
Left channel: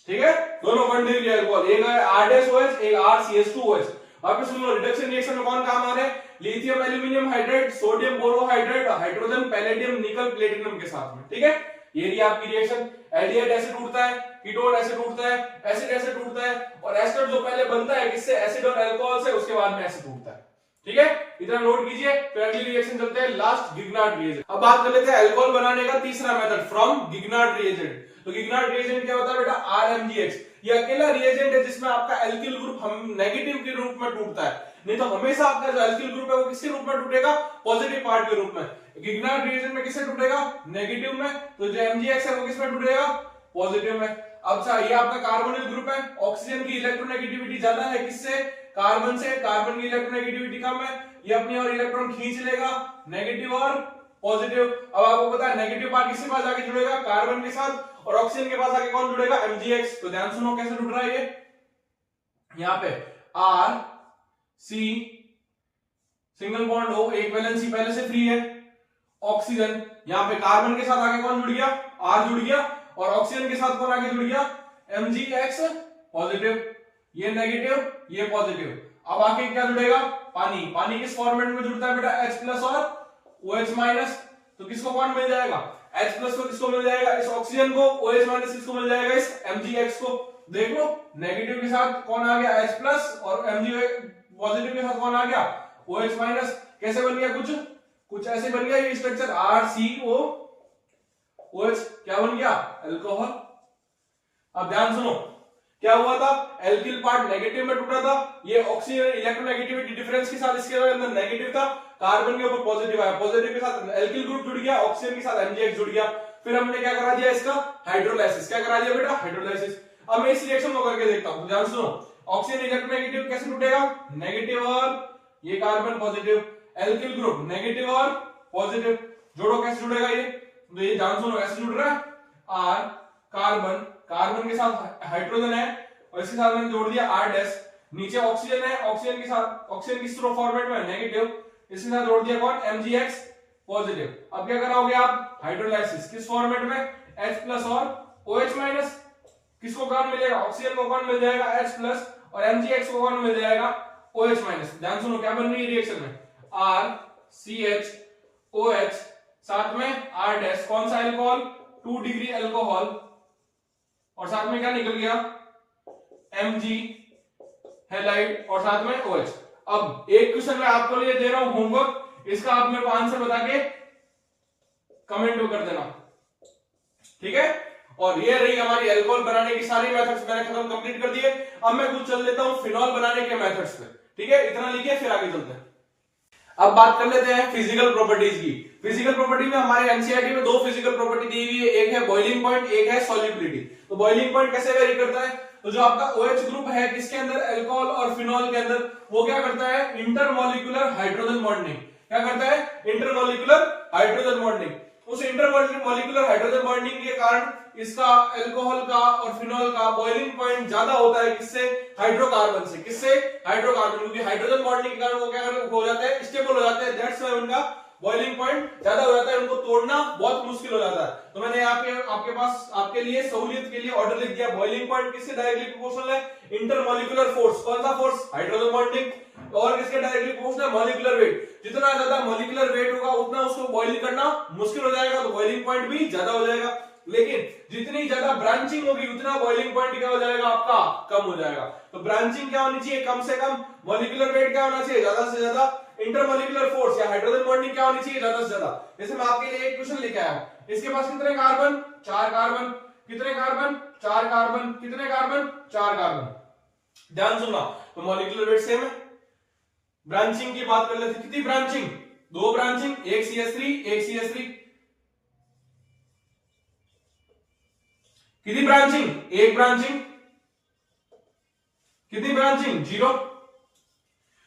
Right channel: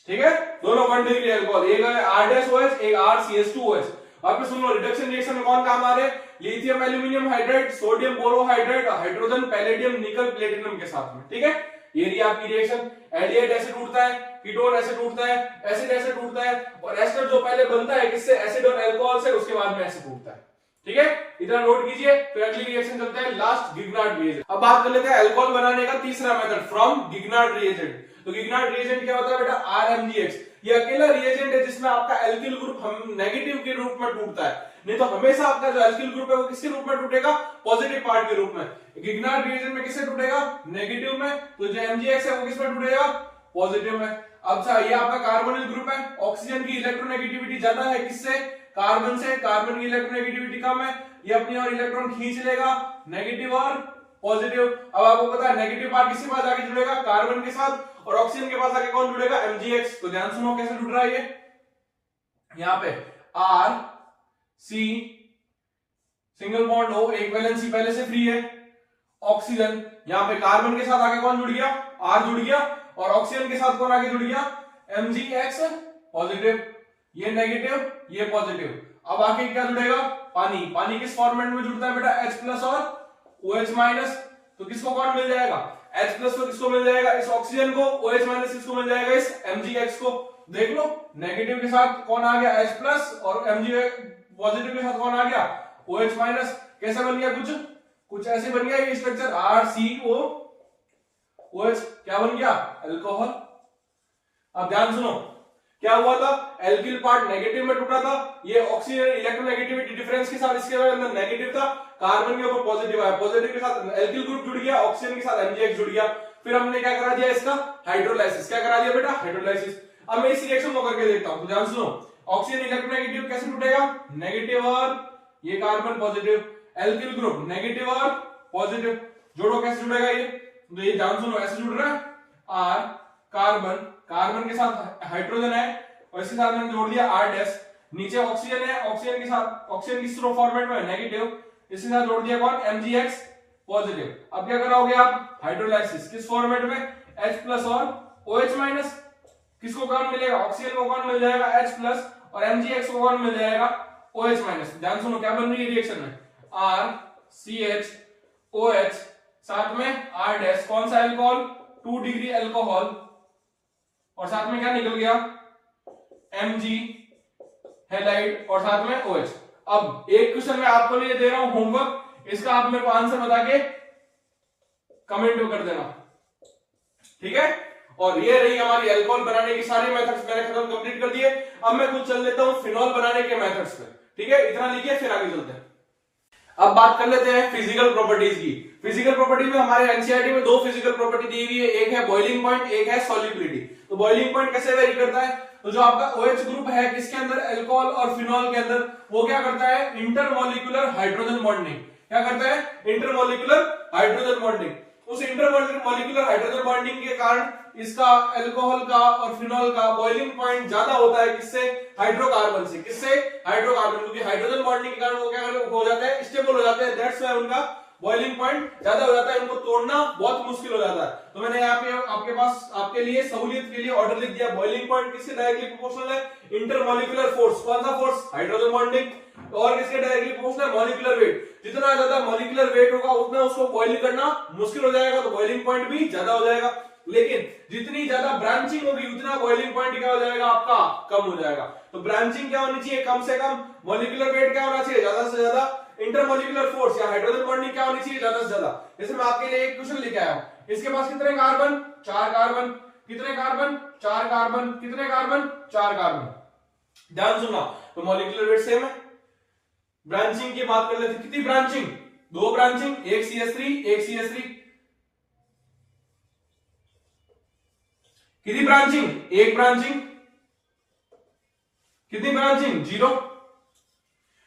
ठीक है, दोनों 1 डिग्री अल्कोहल, एक है R'OH, एक RCH2OH। वापस सुन लो, रिडक्शन रिएक्शन में कौन काम आ रहे हैं? Lithium aluminium hydride, sodium borohydride, hydrogen palladium निकल प्लेटिनम के साथ में। ठीक है, ये रही आपकी रिएक्शन। एल्डिहाइड ऐसे टूटता है, कीटोन ऐसे टूटता है, एसिड ऐसे टूटता है, और एस्टर जो पहले बनता है किससे? एसिड और अल्कोहल से, उसके बाद में ऐसे टूटता है। ठीक है, इतना नोट कीजिए। फिर अगली रिएक्शन चलते हैं, लास्ट गिगनार्ड रिएजेंट। अब बात कर लेते हैं अल्कोहल बनाने का तीसरा मेथड, फ्रॉम गिगनार्ड रिएजेंट। तो गिगनार्ड रिएजेंट क्या होता है बेटा? RMGX। ये अकेला रिएजेंट है जिसमें आपका एल्किल ग्रुप हम नेगेटिव के रूप में टूटता है। नहीं तो हमेशा आपका जो एल्किल ग्रुप है वो किसके रूप में टूटेगा? पॉजिटिव पार्ट के रूप में। गिगनार्ड रिएजेंट में किससे टूटेगा? नेगेटिव में। तो जो MgX है वो किसमें टूटेगा? पॉजिटिव में। अब ये आपका कार्बोनिल ग्रुप है, ऑक्सीजन की इलेक्ट्रोनेगेटिविटी ज्यादा है किससे? कार्बन से। कार्बन की इलेक्ट्रोनेगेटिविटी कम है, ये अपनी और इलेक्ट्रॉन खींच लेगा, नेगेटिव और पॉजिटिव। अब आपको पता है नेगेटिव पार्ट किसके पास आके जुड़ेगा? कार्बन के साथ, और ऑक्सीजन के पास आके कौन जुड़ेगा? MgX। तो ध्यान सुनो कैसे जुड़ रहा है ये। यहां पे RC सिंगल बॉन्ड O, एक वैलेंसी पहले से फ्री है, ऑक्सीजन। यहां पे कार्बन के साथ आगे कौन जुड़ गया? R जुड़ गया, और ऑक्सीजन के साथ कौन आगे जुड़ गया? MgX पॉजिटिव, ये नेगेटिव, ये पॉजिटिव। अब आके क्या जुड़ेगा? पानी। पानी किस फॉर्मेट में जुड़ता है बेटा? H+ और OH-। तो किसको कौन मिल जाएगा? H+ को किसको मिल जाएगा? इस ऑक्सीजन को। OH- किसको मिल जाएगा? इस MgX को। देख लो, नेगेटिव के साथ कौन आ गया? H+ और पॉजिटिव के साथ कौन आ गया, OH माइनस। कैसे बन गया, कुछ ऐसे बन गया ये स्ट्रक्चर RCOOH, क्या बन गया, अल्कोहल। अब ध्यान सुनो, क्या हुआ था, एल्किल पार्ट नेगेटिव में टूटा था, ये ऑक्सीजन इलेक्ट्रोनेगेटिविटी डिफरेंस के साथ इसके अंदर नेगेटिव था, कार्बन के ऊपर पॉजिटिव आया, पॉजिटिव के साथ एल्किल ग्रुप जुड़ गया, ऑक्सीजन के साथ MgX जुड़ गया। फिर हमने क्या करा दिया, इसका हाइड्रोलाइसिस। क्या करा दिया बेटा, हाइड्रोलाइसिस। अब मैं इस रिएक्शन को करके देखता हूं, तो ध्यान सुनो, ऑक्सीजन इलेक्ट्रोनेगेटिव कैसे टूटेगा, नेगेटिव और ये carbon positive, alkyl group negative और पॉजिटिव, जोड़ो कैसे जुड़ेगा ये, तो ये ध्यान सुनो ऐसे जुड़ रहा है, R कार्बन के साथ हाइड्रोजन है और इसके साथ मैंने जोड़ दिया R डैश, नीचे ऑक्सीजन है, ऑक्सीजन के साथ, ऑक्सीजन किस फॉर्मेट में नेगेटिव, इसके साथ जोड़ दिया कौन, MgX पॉजिटिव। अब क्या कराओगे आप, हाइड्रोलाइसिस, किस फॉर्मेट में, H प्लस और OH माइनस, किसको कौन मिलेगा, ऑक्सीजन को कौन मिल जाएगा H प्लस और MgX को कौन मिल जाएगा OH माइनस। ध्यान सुनो क्या बन रही है रिएक्शन में, RCHOH साथ में R डैश, कौन सा अल्कोहल, 2 डिग्री अल्कोहल, और साथ में क्या निकल गया, Mg हैलाइड और साथ में OH। अब एक क्वेश्चन मैं आपको लिए दे रहा हूं होमवर्क, इसका आप मेरे को आंसर बता के कमेंट कर देना, ठीक है। और ये रही हमारी अल्कोहल बनाने की सारी मेथड्स मैंने खत्म कंप्लीट कर दिए। अब मैं कुछ चल लेता हूं फिनॉल बनाने के मेथड्स पे, ठीक है, इतना लिखिए फिर आगे चलते हैं। अब बात कर लेते हैं फिजिकल प्रॉपर्टीज की। फिजिकल प्रॉपर्टी में हमारे एनसीईआरटी में 2 फिजिकल प्रॉपर्टी दी हुई है, एक है बॉइलिंग पॉइंट, एक है सॉल्युबिलिटी। तो बॉइलिंग पॉइंट कैसे वेरी करता है, तो जो आपका OH ग्रुप है किसके अंदर, अल्कोहल और फिनॉल के अंदर, वो क्या करता है, इंटरमॉलिक्यूलर हाइड्रोजन बॉन्डिंग। क्या करता है, इंटरमॉलिक्यूलर हाइड्रोजन बॉन्डिंग। उस इंटरमॉलिक्यूलर हाइड्रोजन बॉन्डिंग के कारण इसका अल्कोहल का और फिनॉल का बॉइलिंग पॉइंट ज्यादा होता है, किससे, हाइड्रोकार्बन से। किससे, हाइड्रोकार्बन, क्योंकि हाइड्रोजन बॉन्डिंग के कारण वो क्या हो जाता है, स्टेबल हो जाते हैं, दैट्स व्हाई उनका बॉइलिंग पॉइंट ज्यादा हो जाता है, उनको तोड़ना बहुत मुश्किल हो जाता है। तो मैंने यहाँ पे आपके पास आपके लिए सहूलियत के लिए ऑर्डर लिख दिया, बॉइलिंग पॉइंट किससे डायरेक्टली प्रोपोर्शनल है, इंटरमॉलिक्यूलर फोर्स। कौन सा फोर्स, हाइड्रोजन बॉन्डिंग, और किसके डायरेक्टली प्रोपोर्शनल है, मॉलिक्यूलर वेट। जितना ज्यादा मॉलिक्यूलर वेट होगा उतना उसको बॉइल करना मुश्किल हो जाएगा, तो बॉइलिंग पॉइंट भी ज्यादा हो जाएगा। लेकिन जितनी ज्यादा ब्रांचिंग होगी उतना बॉइलिंग पॉइंट क्या हो जाएगा आपका, कम हो जाएगा। तो ब्रांचिंग क्या होनी चाहिए, कम से कम, मॉलिक्यूलर वेट क्या होना चाहिए, ज्यादा से ज्यादा, इंटरमॉलिक्यूलर फोर्स या हाइड्रोजन बॉन्डिंग क्या होनी चाहिए, ज्यादा से ज्यादा। जैसे मैं आपके लिए एक क्वेश्चन लेके आया हूं, इसके पास कितने कार्बन, 4 कार्बन, कितने कार्बन, 4 कार्बन, कितने कार्बन, 4 कार्बन। ध्यान सुनना, तो मॉलिक्यूलर वेट सेम है। ब्रांचिंग की बात कर लेते, कितनी ब्रांचिंग, 2 ब्रांचिंग, एक CH3 एक CH3, कितनी ब्रांचिंग, 1 ब्रांचिंग, कितनी ब्रांचिंग, 0।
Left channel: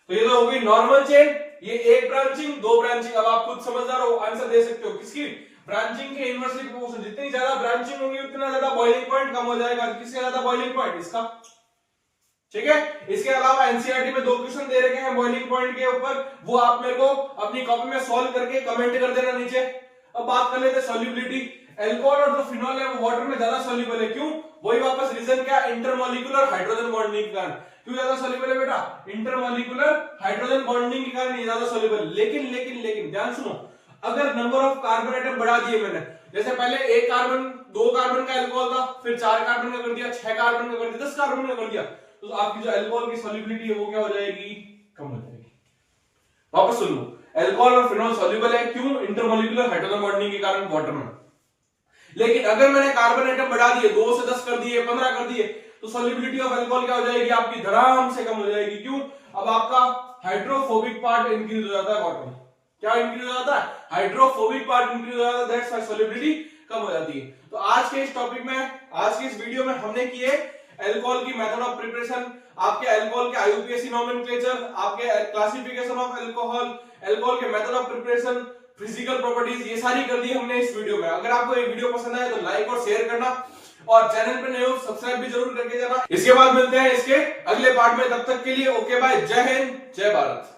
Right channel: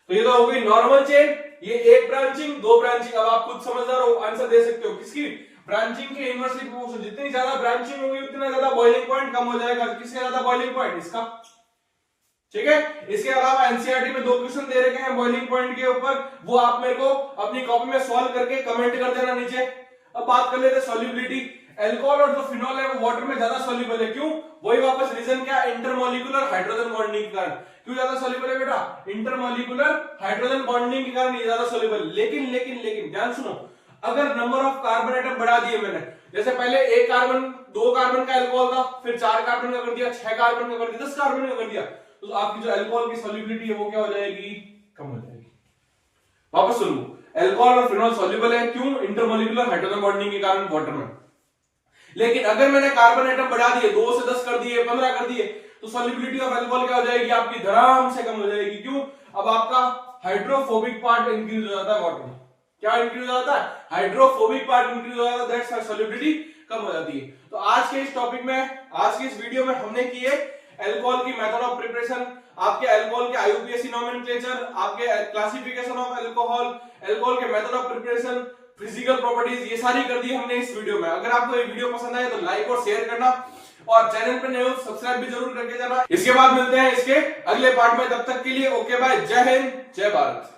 तो ये तो हो गई नॉर्मल चेन, ये 1 ब्रांचिंग 2 ब्रांचिंग। अब आप खुद समझदार हो, आंसर दे सकते हो, किसकी, ब्रांचिंग के इनवर्सली प्रोपोर्शनल। जितनी ज्यादा ब्रांचिंग होगी उतना ज्यादा बॉइलिंग पॉइंट कम हो जाएगा। किससे ज्यादा बॉइलिंग पॉइंट, इसका, ठीक है। इसके अलावा एनसीईआरटी में 2 क्वेश्चन दे रखे हैं बॉइलिंग पॉइंट के ऊपर, वो आप मेरे को अपनी कॉपी में सॉल्व करके कमेंट कर देना नीचे। अब बात कर लेते हैं सॉल्युबिलिटी। अल्कोहल और जो फिनॉल है वो वाटर में ज्यादा सॉल्युबल है, क्यों, वही वापस रीजन क्या, इंटरमॉलिक्यूलर हाइड्रोजन बॉन्डिंग के कारण। क्यों ज्यादा सॉल्युबल है बेटा, इंटरमॉलिक्यूलर हाइड्रोजन बॉन्डिंग के कारण ये ज्यादा सॉल्युबल। लेकिन लेकिन लेकिन ध्यान सुनो, अगर नंबर ऑफ कार्बन एटम बढ़ा दिए मैंने, जैसे पहले 1 कार्बन 2 कार्बन का अल्कोहल था, फिर 4 कार्बन का कर दिया, 6 कार्बन का कर दिया, 10 कार्बन का कर दिया, तो आपकी जो अल्कोहल की सॉल्युबिलिटी है वो क्या हो जाएगी, कम हो जाएगी। वापस सुनो, अल्कोहल और फिनॉल सॉल्युबल है, क्यों, इंटरमॉलिक्यूलर हाइड्रोजन बॉन्डिंग के कारण वाटर में। लेकिन अगर मैंने कार्बन एटम बढ़ा दिए, 2 से 10 कर दिए, 15 कर दिए, तो सॉल्युबिलिटी ऑफ अल्कोहल क्या हो जाएगी आपकी, धड़ाम से कम हो जाएगी। क्यों, अब आपका हाइड्रोफोबिक पार्ट इंक्रीज हो जाता है वाटर में। क्या इंक्रीज हो जाता है, हाइड्रोफोबिक पार्ट इंक्रीज हो जाता है, दैट्स व्हाई सॉल्युबिलिटी कम हो जाती है। तो आज के इस टॉपिक में, आज की इस वीडियो में हमने किए अल्कोहल की मेथड ऑफ प्रिपरेशन, आपके अल्कोहल के आईयूपीएसी नोमेनक्लेचर, आपके क्लासिफिकेशन ऑफ अल्कोहल, अल्कोहल के method of preparation, physical properties, ये सारी कर दी हमने इस वीडियो में। अगर आपको ये वीडियो पसंद आए तो लाइक और शेयर करना, और चैनल पे नए हो सब्सक्राइब भी जरूर करके जाना। इसके बाद मिलते हैं इसके अगले पार्ट में, तब तक के लिए ओके बाय, जय हिंद जय भारत।